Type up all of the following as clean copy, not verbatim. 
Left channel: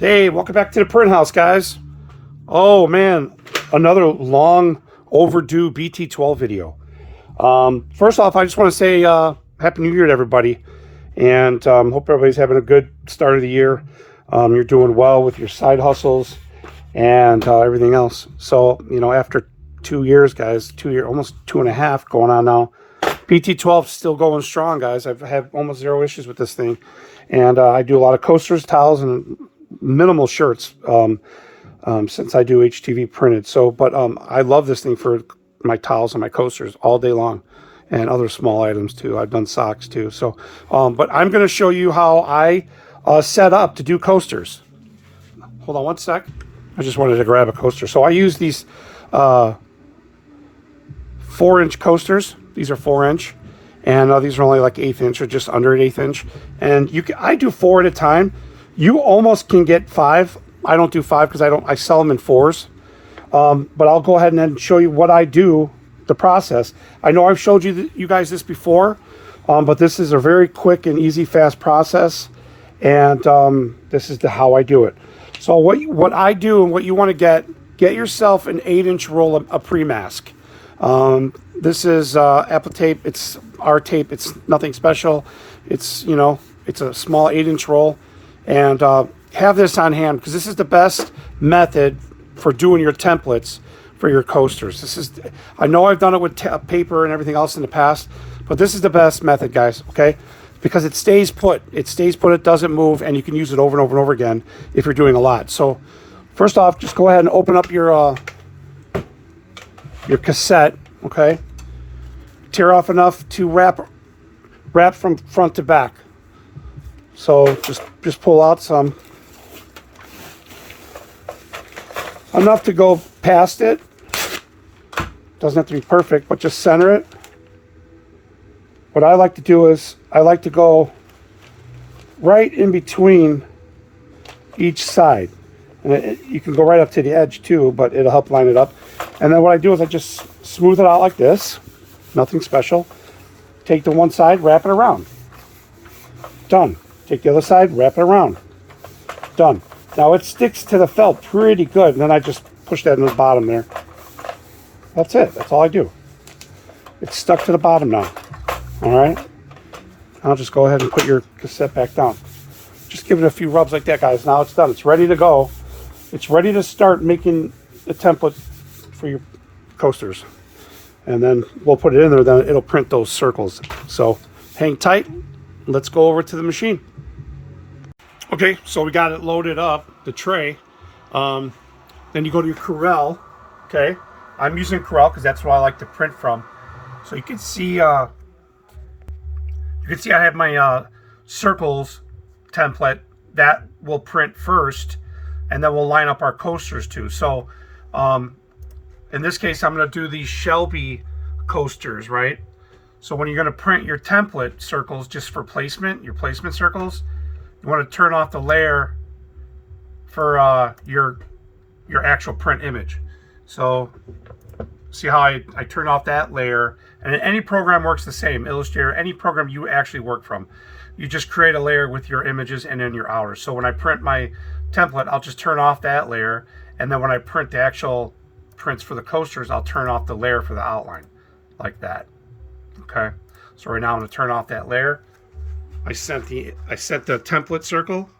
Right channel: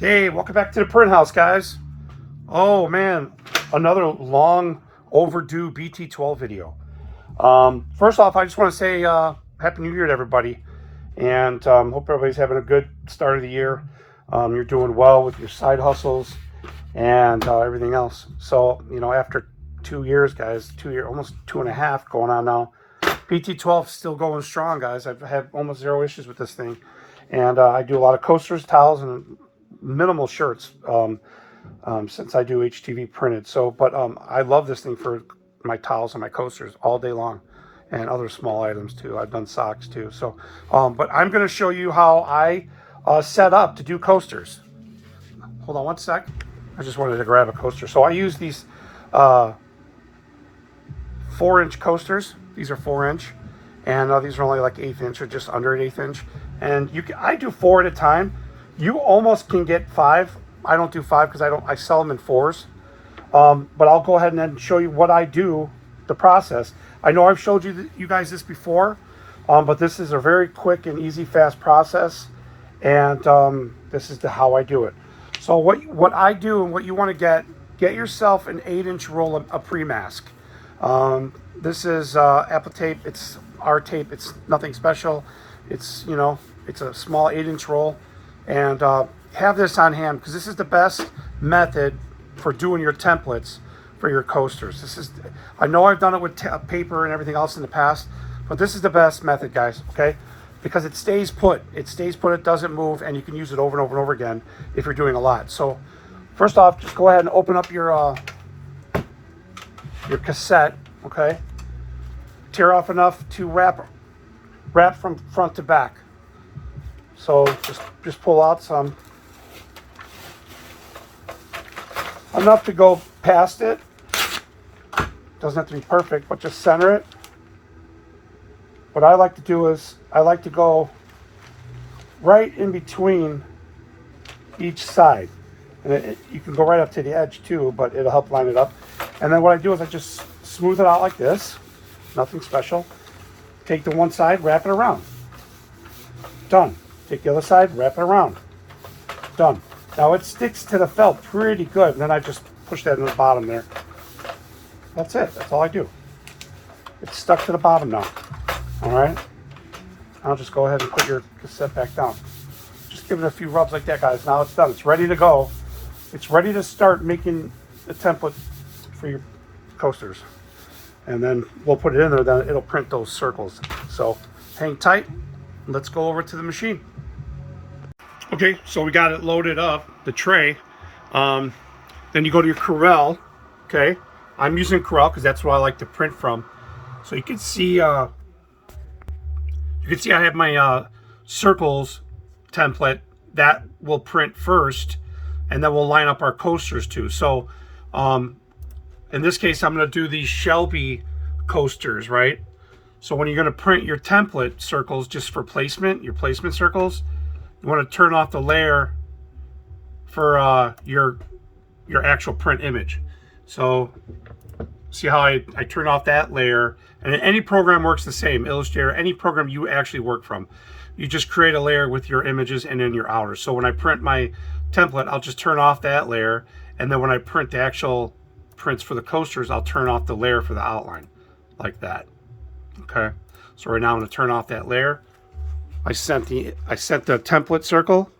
Hey, welcome back to the print house, guys. Oh man, another long overdue bt-12 video. First off, I just want to say Happy New Year to everybody, and hope everybody's having a good start of the year. You're doing well with your side hustles and everything else. So, you know, after 2 years, guys, almost 2.5 going on now, bt-12 still going strong, guys. I've had almost zero issues with this thing, and I do a lot of coasters, towels, and minimal shirts since I do HTV printed. So, but I love this thing for my towels and my coasters all day long, and other small items too. I've done socks too. So, but I'm going to show you how I set up to do coasters. Hold on one sec. I just wanted to grab a coaster. So I use these 4-inch coasters. These are 4-inch, and these are only like 1/8 inch or just under an 1/8 inch. And I do 4 at a time. You almost can get 5. I don't do 5 because I sell them in 4s. But I'll go ahead and then show you what I do, the process. I know I've showed you guys this before, but this is a very quick and easy, fast process. And this is how I do it. So what I do and what you want to get yourself an 8-inch roll of pre-mask. This is Apple tape. It's our tape. It's nothing special. It's, you know, it's a small 8-inch roll. And have this on hand because this is the best method for doing your templates for your coasters. I know I've done it with paper and everything else in the past, but this is the best method, guys, okay? Because it stays put. It stays put, it doesn't move, and you can use it over and over and over again if you're doing a lot. So first off, just go ahead and open up your cassette, okay? Tear off enough to wrap from front to back. So just pull out some, enough to go past it. Doesn't have to be perfect, but just center it. What I like to do is I like to go right in between each side, and you can go right up to the edge too, but it'll help line it up. And then what I do is I just smooth it out like this, nothing special. Take the one side, wrap it around, done. Take the other side, wrap it around. Done. Now it sticks to the felt pretty good, and then I just push that in the bottom there. That's it. That's all I do. It's stuck to the bottom now. All right? I'll just go ahead and put your cassette back down. Just give it a few rubs like that, guys. Now it's done. It's ready to go. It's ready to start making a template for your coasters. And then we'll put it in there, then it'll print those circles. So hang tight. Let's go over to the machine. Okay, so we got it loaded up, the tray. Then you go to your Corel, okay? I'm using Corel because that's what I like to print from. So you can see I have my circles template that will print first, and then we'll line up our coasters too. So in this case, I'm going to do these Shelby coasters, right? So when you're going to print your template circles just for placement, your placement circles, you want to turn off the layer for your actual print image. So see how I turn off that layer, and any program works the same, Illustrator, any program you actually work from. You just create a layer with your images and then your outers. So when I print my template, I'll just turn off that layer, and then when I print the actual prints for the coasters, I'll turn off the layer for the outline, like that. Okay, so right now I'm going to turn off that layer. I sent the template circle.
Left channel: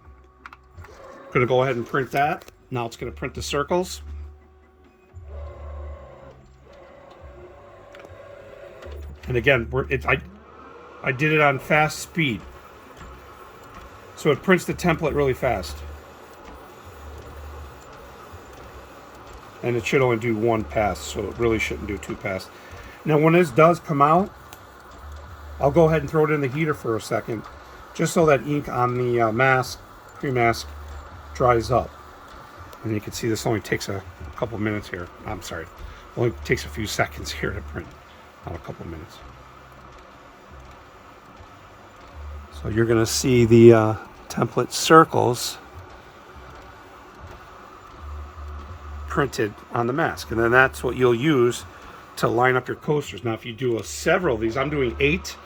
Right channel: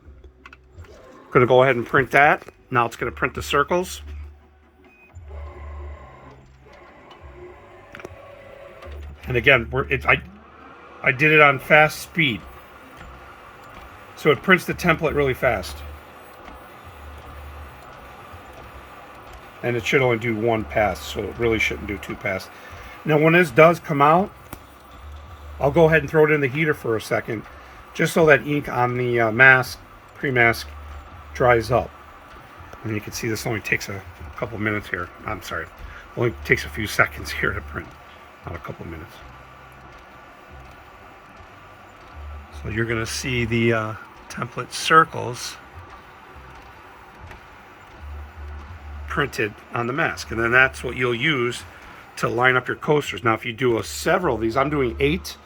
I'm going to go ahead and print that. Now it's going to print the circles. And again, I did it on fast speed, so it prints the template really fast. And it should only do 1 pass, so it really shouldn't do 2 passes. Now when this does come out, I'll go ahead and throw it in the heater for a second, just so that ink on the mask, pre-mask, dries up. And you can see this only takes a couple minutes here. I'm sorry, only takes a few seconds here to print, not a couple minutes. So you're going to see the template circles printed on the mask, and then that's what you'll use to line up your coasters. Now if you do several of these, I'm doing 8.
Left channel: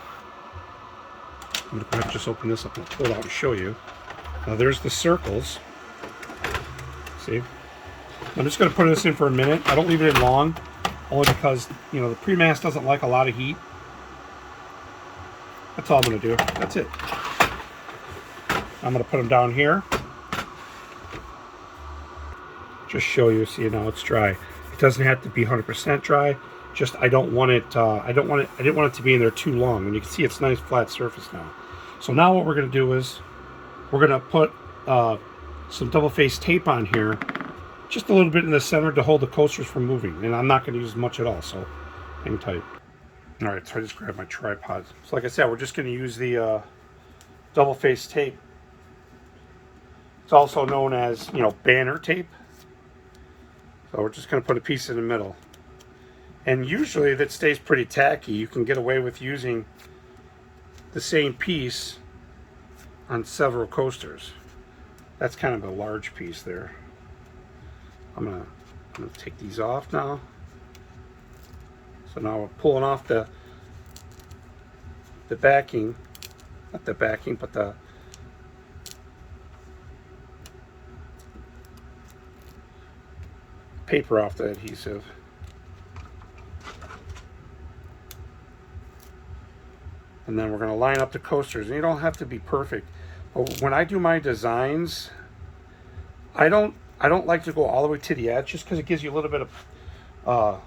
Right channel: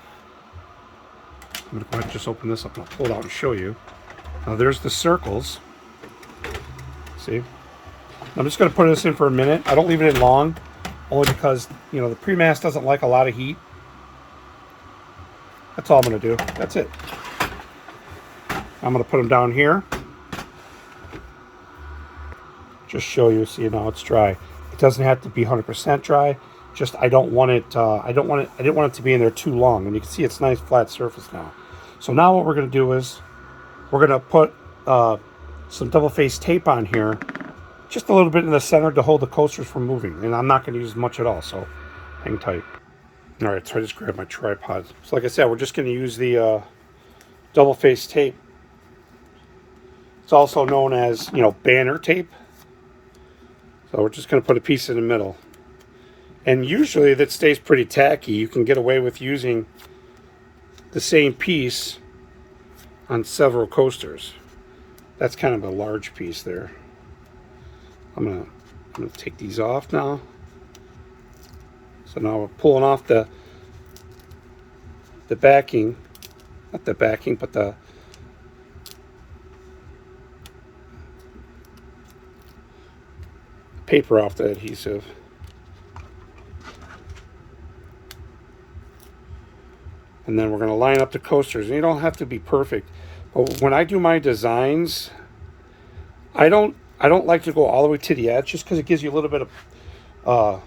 I'm going to go ahead and just open this up and I'll pull it out and show you. Now there's the circles. See? I'm just going to put this in for a minute. I don't leave it in long, only because, you know, the pre-mast doesn't like a lot of heat. That's all I'm going to do. That's it. I'm going to put them down here. Just show you, see now it's dry. It doesn't have to be 100% dry. Just I don't want it. I didn't want it to be in there too long. And you can see it's nice flat surface now. So now what we're going to do is we're going to put some double-faced tape on here, just a little bit in the center to hold the coasters from moving. And I'm not going to use much at all, so hang tight. All right, so I just grabbed my tripod. So like I said, we're just going to use the double-faced tape. It's also known as, you know, banner tape. So we're just going to put a piece in the middle. And usually that stays pretty tacky. You can get away with using the same piece on several coasters. That's kind of a large piece there. I'm gonna take these off now. So now we're pulling off the backing, not the backing, but the paper off the adhesive. And then we're going to line up the coasters. And you don't have to be perfect, but when I do my designs, I don't like to go all the way to the edge, just because it gives you a little bit of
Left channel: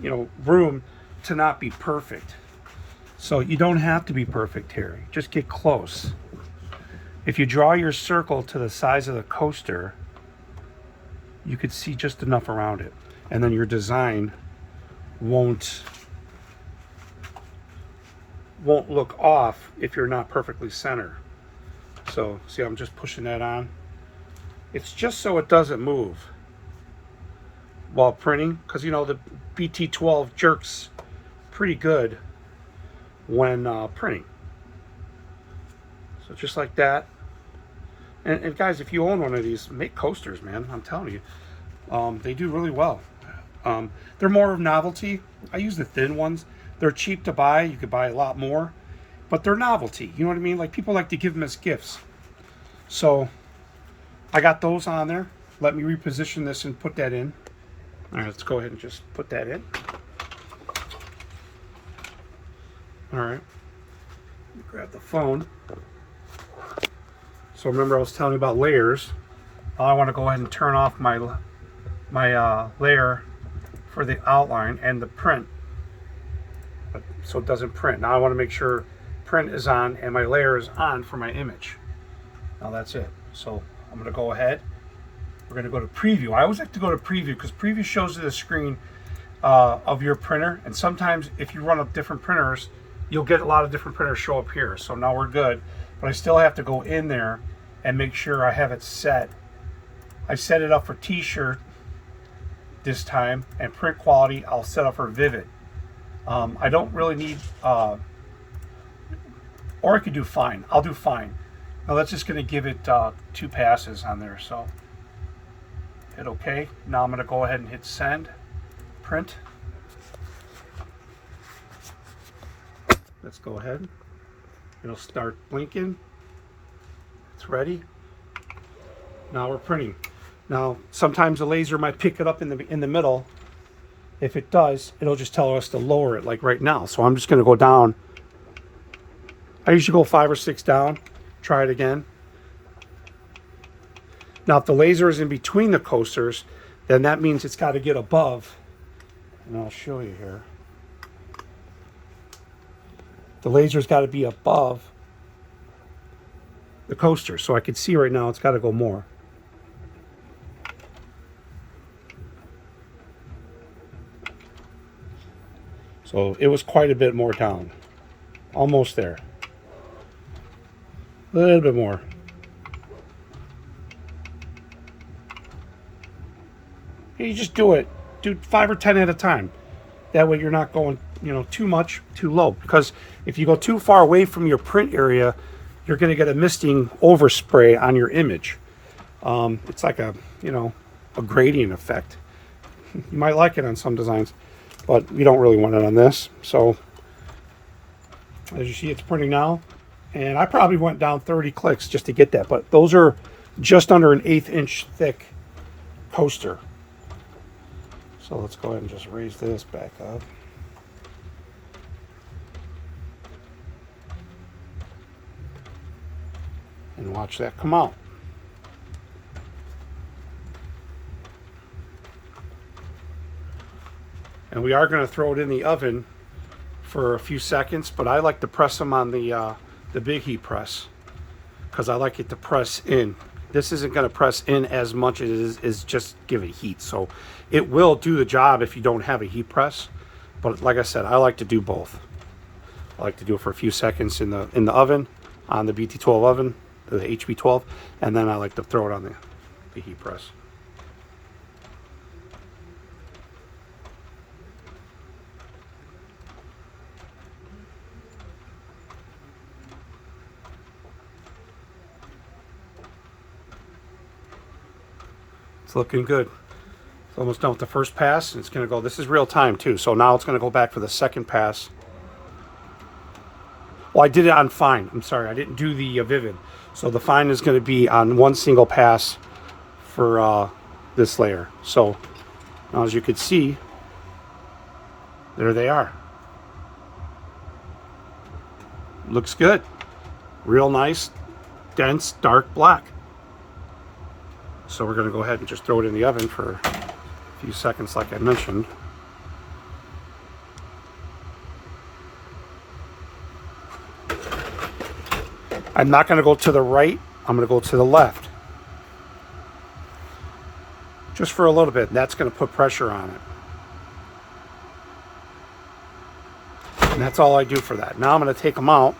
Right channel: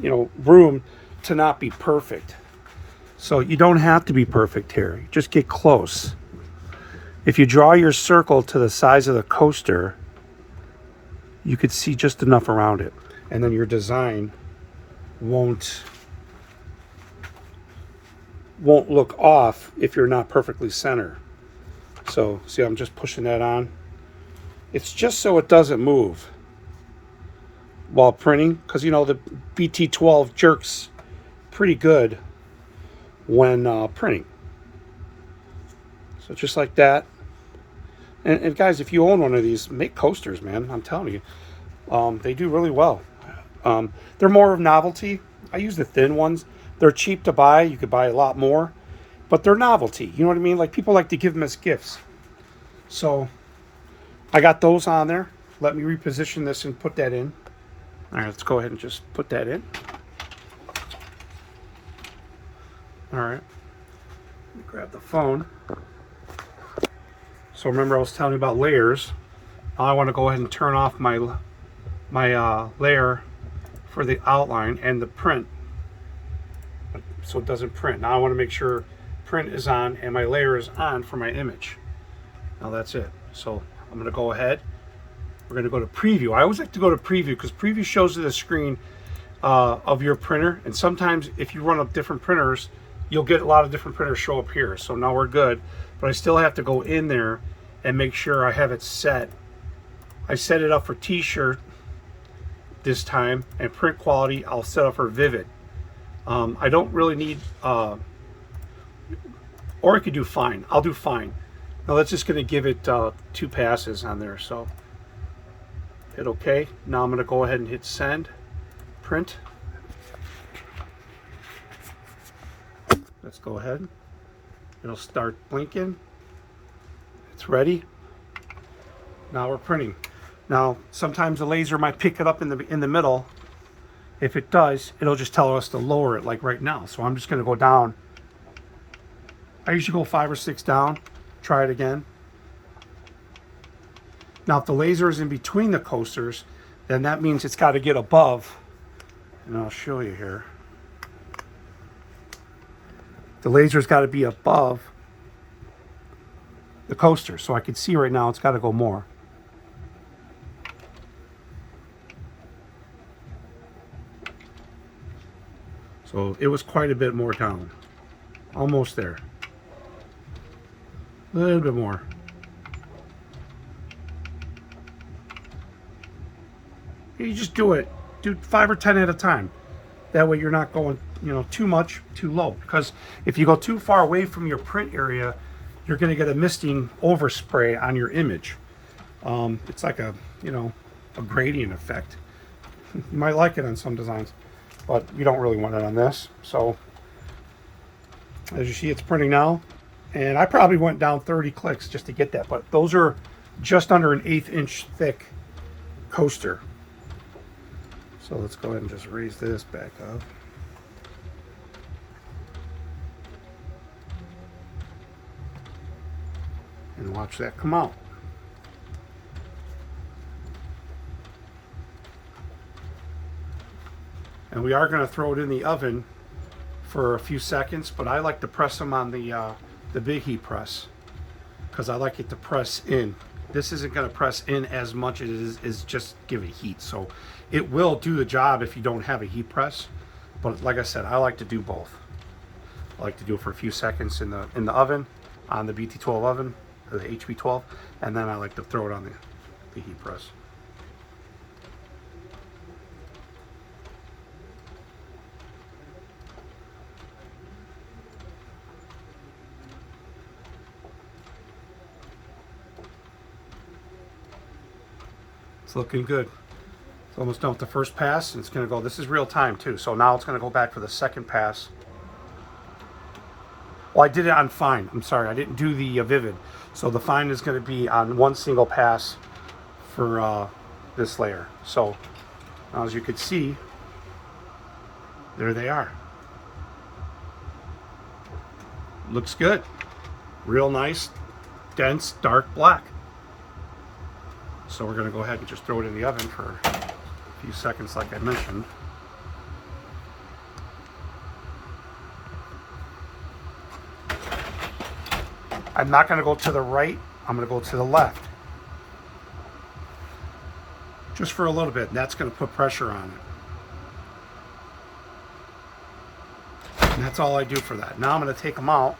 you know, room to not be perfect. So you don't have to be perfect here. You just get close. If you draw your circle to the size of the coaster, you could see just enough around it, and then your design won't look off if you're not perfectly centered. So see, I'm just pushing that on. It's just so it doesn't move while printing, because you know the bt-12 jerks pretty good when printing. So just like that. And guys, if you own one of these, make coasters, man. I'm telling you, they do really well. They're more of novelty. I use the thin ones. They're cheap to buy. You could buy a lot more, but they're novelty. You know what I mean? Like, people like to give them as gifts. So I got those on there. Let me reposition this and put that in. All right, let's go ahead and just put that in. All right, let me grab the phone. So remember, I was telling you about layers. Now I want to go ahead and turn off my layer for the outline and the print, so it doesn't print. Now I want to make sure print is on and my layer is on for my image. Now that's it. So I'm going to go ahead. We're going to go to preview. I always like to go to preview because preview shows you the screen of your printer, and sometimes if you run up different printers, you'll get a lot of different printers show up here. So now we're good, but I still have to go in there and make sure I have it set. I set it up for t-shirt this time, and print quality I'll set up for vivid. I don't really need, or I could do fine. I'll do fine. Now that's just going to give it 2 passes on there. So hit OK. Now I'm going to go ahead and hit send, print. Let's go ahead. It'll start blinking. It's ready. Now we're printing. Now sometimes the laser might pick it up in the middle. If it does, it'll just tell us to lower it, like right now. So I'm just going to go down. I usually go 5 or 6 down. Try it again. Now if the laser is in between the coasters, then that means it's got to get above. And I'll show you here. The laser's got to be above the coaster. So I can see right now it's got to go more. So it was quite a bit more down. Almost there. A little bit more. You just do it. Do 5 or 10 at a time. That way you're not going, you know, too much, too low. Because if you go too far away from your print area, you're going to get a misting overspray on your image. It's like a, you know, a gradient effect. You might like it on some designs, but you don't really want it on this. So as you see, it's printing now. And I probably went down 30 clicks just to get that, but those are just under an 1/8 inch thick coaster. So let's go ahead and just raise this back up. And watch that come out. And we are going to throw it in the oven for a few seconds, but I like to press them on the big heat press because I like it to press in. This isn't going to press in as much as it is just give it heat. So it will do the job if you don't have a heat press. But like I said, I like to do both. I like to do it for a few seconds in the oven, on the bt12 oven, the HB12, and then I like to throw it on the heat press. It's looking good. It's almost done with the first pass, and it's going to go, this is real time too, so now it's going to go back for the second pass. Well, I did it on fine. I'm sorry, I didn't do the vivid. So the fine is going to be on one single pass for this layer. So now, as you can see, there they are. Looks good. Real nice, dense, dark black. So we're going to go ahead and just throw it in the oven for a few seconds like I mentioned. I'm not going to go to the right, I'm going to go to the left. Just for a little bit, that's going to put pressure on it. And that's all I do for that. Now I'm going to take them out.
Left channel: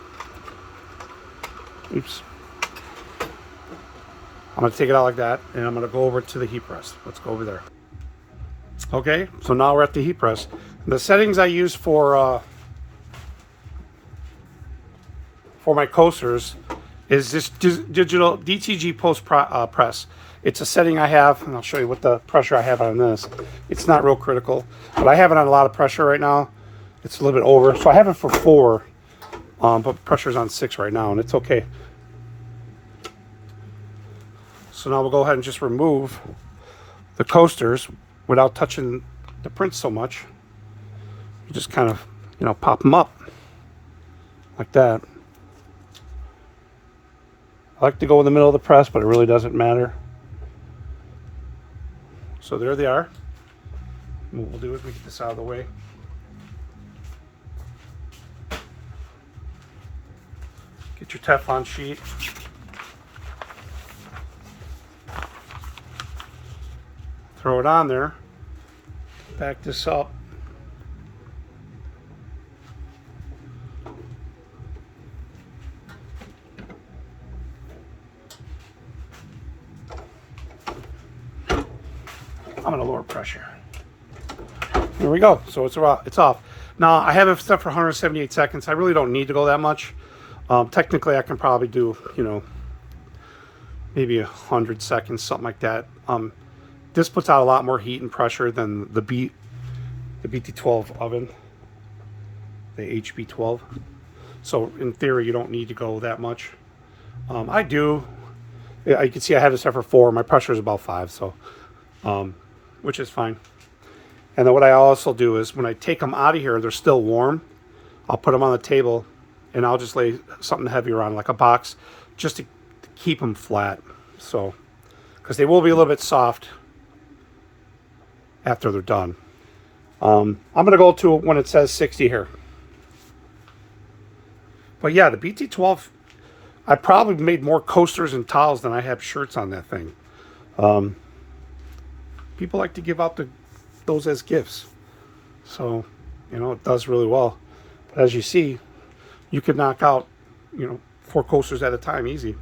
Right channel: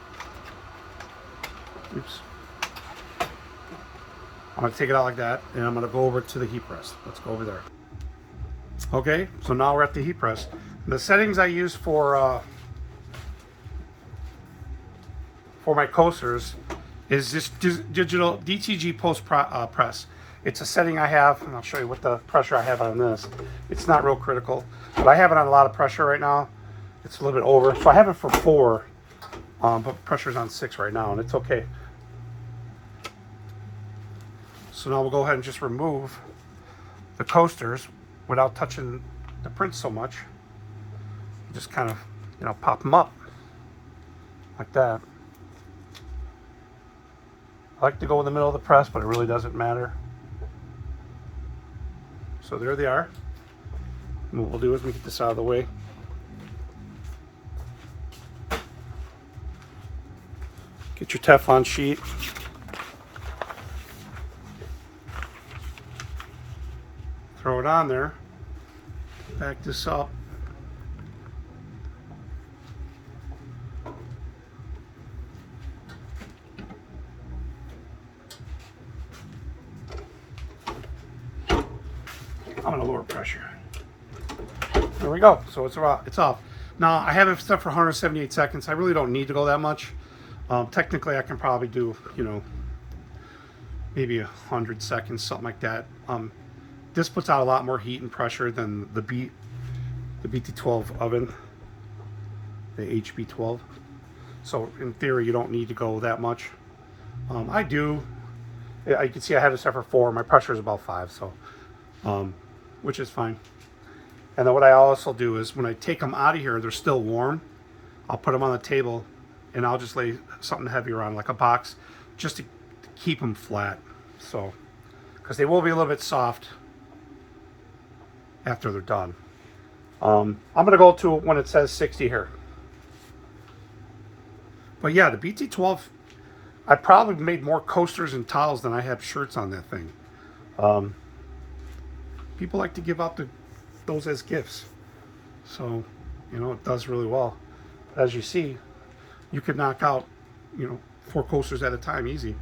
Oops. I'm going to take it out like that, and I'm going to go over to the heat press. Let's go over there. Okay, so now we're at the heat press. The settings I use for my coasters is this digital DTG press. It's a setting I have, and I'll show you what the pressure I have on this. It's not real critical, but I have it on a lot of pressure right now. It's a little bit over, so I have it for 4, but pressure's on 6 right now, and it's okay. So now we'll go ahead and just remove the coasters without touching the print so much. You just kind of, you know, pop them up like that. I like to go in the middle of the press, but it really doesn't matter. So there they are. And what we'll do is we get this out of the way. Get your Teflon sheet. Throw it on there. Back this up. I'm gonna lower pressure. There we go. So it's off. Now I have it set for 178 seconds. I really don't need to go that much. Technically, I can probably do, you know, maybe 100 seconds, something like that. This puts out a lot more heat and pressure than the bt12 oven, the HB12. So in theory, you don't need to go that much. I do. You can see I had it set for 4. My pressure is about 5, so which is fine. And then what I also do is when I take them out of here, they're still warm. I'll put them on the table, and I'll just lay something heavier on, like a box, just to keep them flat. So, because they will be a little bit soft after they're done. I'm gonna go to when it says 60 here. But yeah, the bt12, I probably made more coasters and towels than I have shirts on that thing. People like to give out those as gifts, so you know it does really well. But as you see, you could knock out, you know, 4 coasters at a time easy.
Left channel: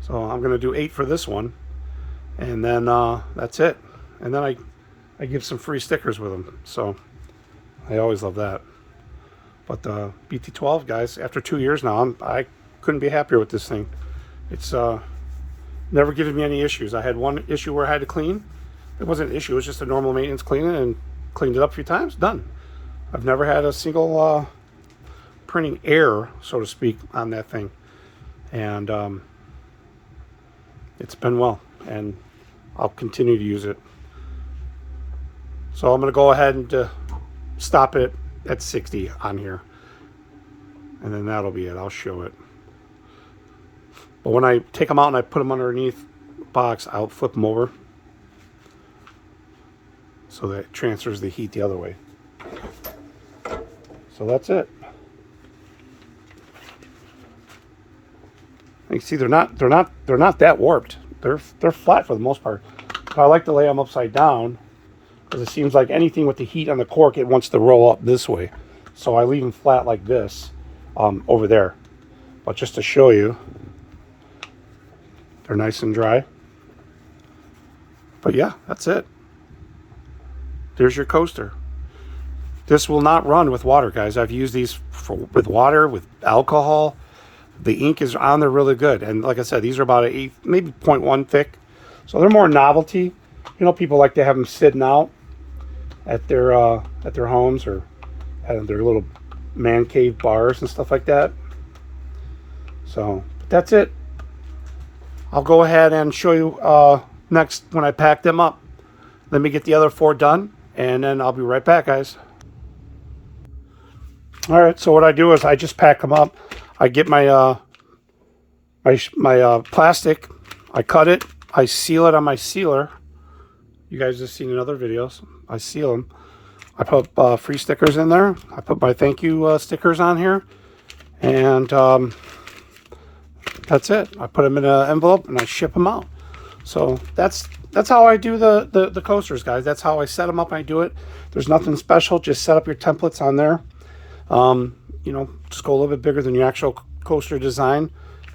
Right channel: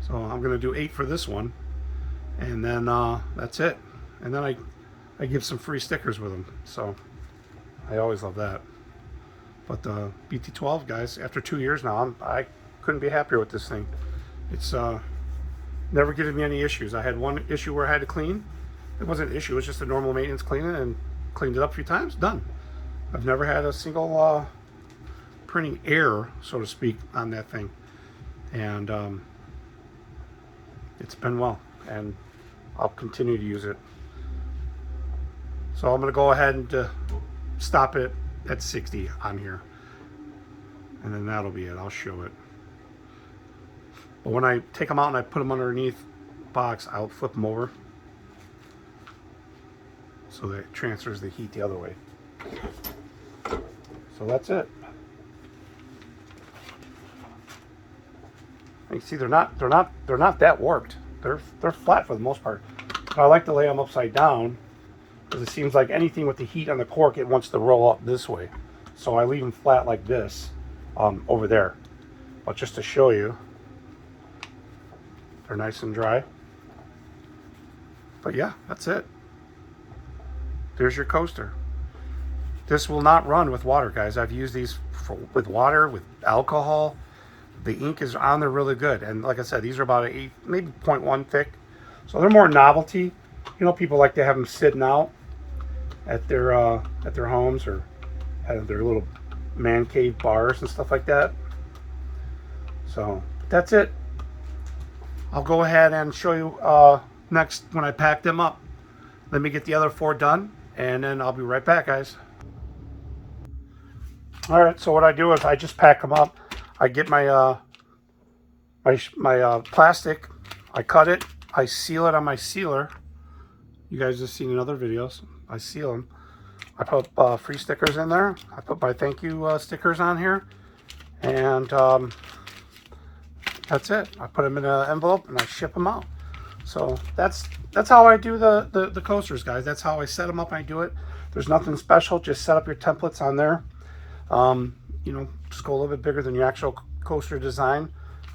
So I'm gonna do 8 for this one, and then that's it. And then I give some free stickers with them, so I always love that. But bt12, guys, after 2 years now, I couldn't be happier with this thing. It's never given me any issues. I had one issue where I had to clean. It wasn't an issue, it was just a normal maintenance cleaning, and cleaned it up a few times, done. I've never had a single printing error, so to speak, on that thing. and it's been well, and I'll continue to use it. So I'm going to go ahead and stop it at 60 on here, and then that'll be it. I'll show it. But when I take them out and I put them underneath the box, I'll flip them over so that it transfers the heat the other way. So that's it. You can see they're not that warped. They're flat for the most part. But I like to lay them upside down because it seems like anything with the heat on the cork, it wants to roll up this way. So I leave them flat like this over there. But just to show you, they're nice and dry. But yeah, that's it. There's your coaster. This will not run with water, guys. I've used these with water, with alcohol. The ink is on there really good. And like I said, these are about an 8, maybe 0.1 thick. So they're more novelty. You know, people like to have them sitting out at their homes, or at their little man cave bars and stuff like that. So that's it. I'll go ahead and show you next when I pack them up. Let me get the other 4 done, and then I'll be right back, guys. All right, so what I do is I just pack them up. I get my my plastic, I cut it, I seal it on my sealer. You guys have seen in other videos. I seal them. I put free stickers in there. I put my thank you stickers on here, and that's it. I put them in an envelope and I ship them out. So that's how I do the coasters, guys. That's how I set them up. I do it. There's nothing special. Just set up your templates on there. You know, just go a little bit bigger than your actual coaster design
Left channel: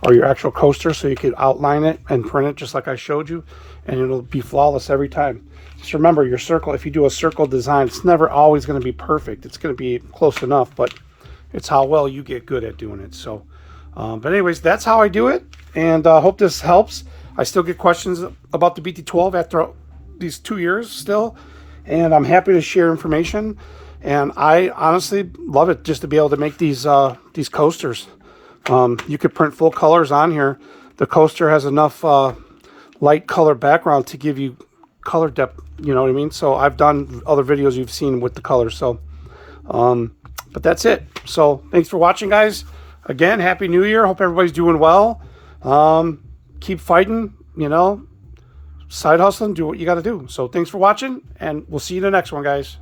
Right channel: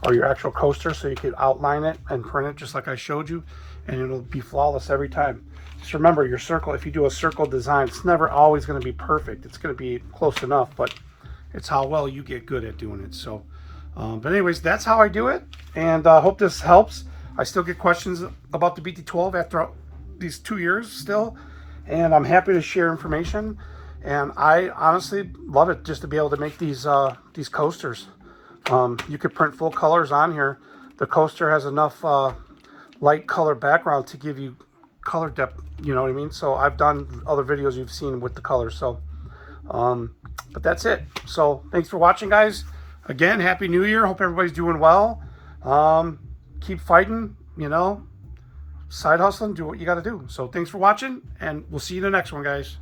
or your actual coaster, so you can outline it and print it just like I showed you, and it'll be flawless every time. Just remember your circle. If you do a circle design, it's never always going to be perfect. It's going to be close enough, but it's how well you get good at doing it. So but anyways, that's how I do it, and I hope this helps. I still get questions about the BT12 after these 2 years still, and I'm happy to share information. And I honestly love it just to be able to make these coasters. You could print full colors on here. The coaster has enough light color background to give you color depth, you know what I mean? So I've done other videos you've seen with the colors. So but that's it. So thanks for watching, guys. Again, Happy New Year. Hope everybody's doing well. Keep fighting, you know, side hustling, do what you got to do. So thanks for watching, and we'll see you in the next one, guys.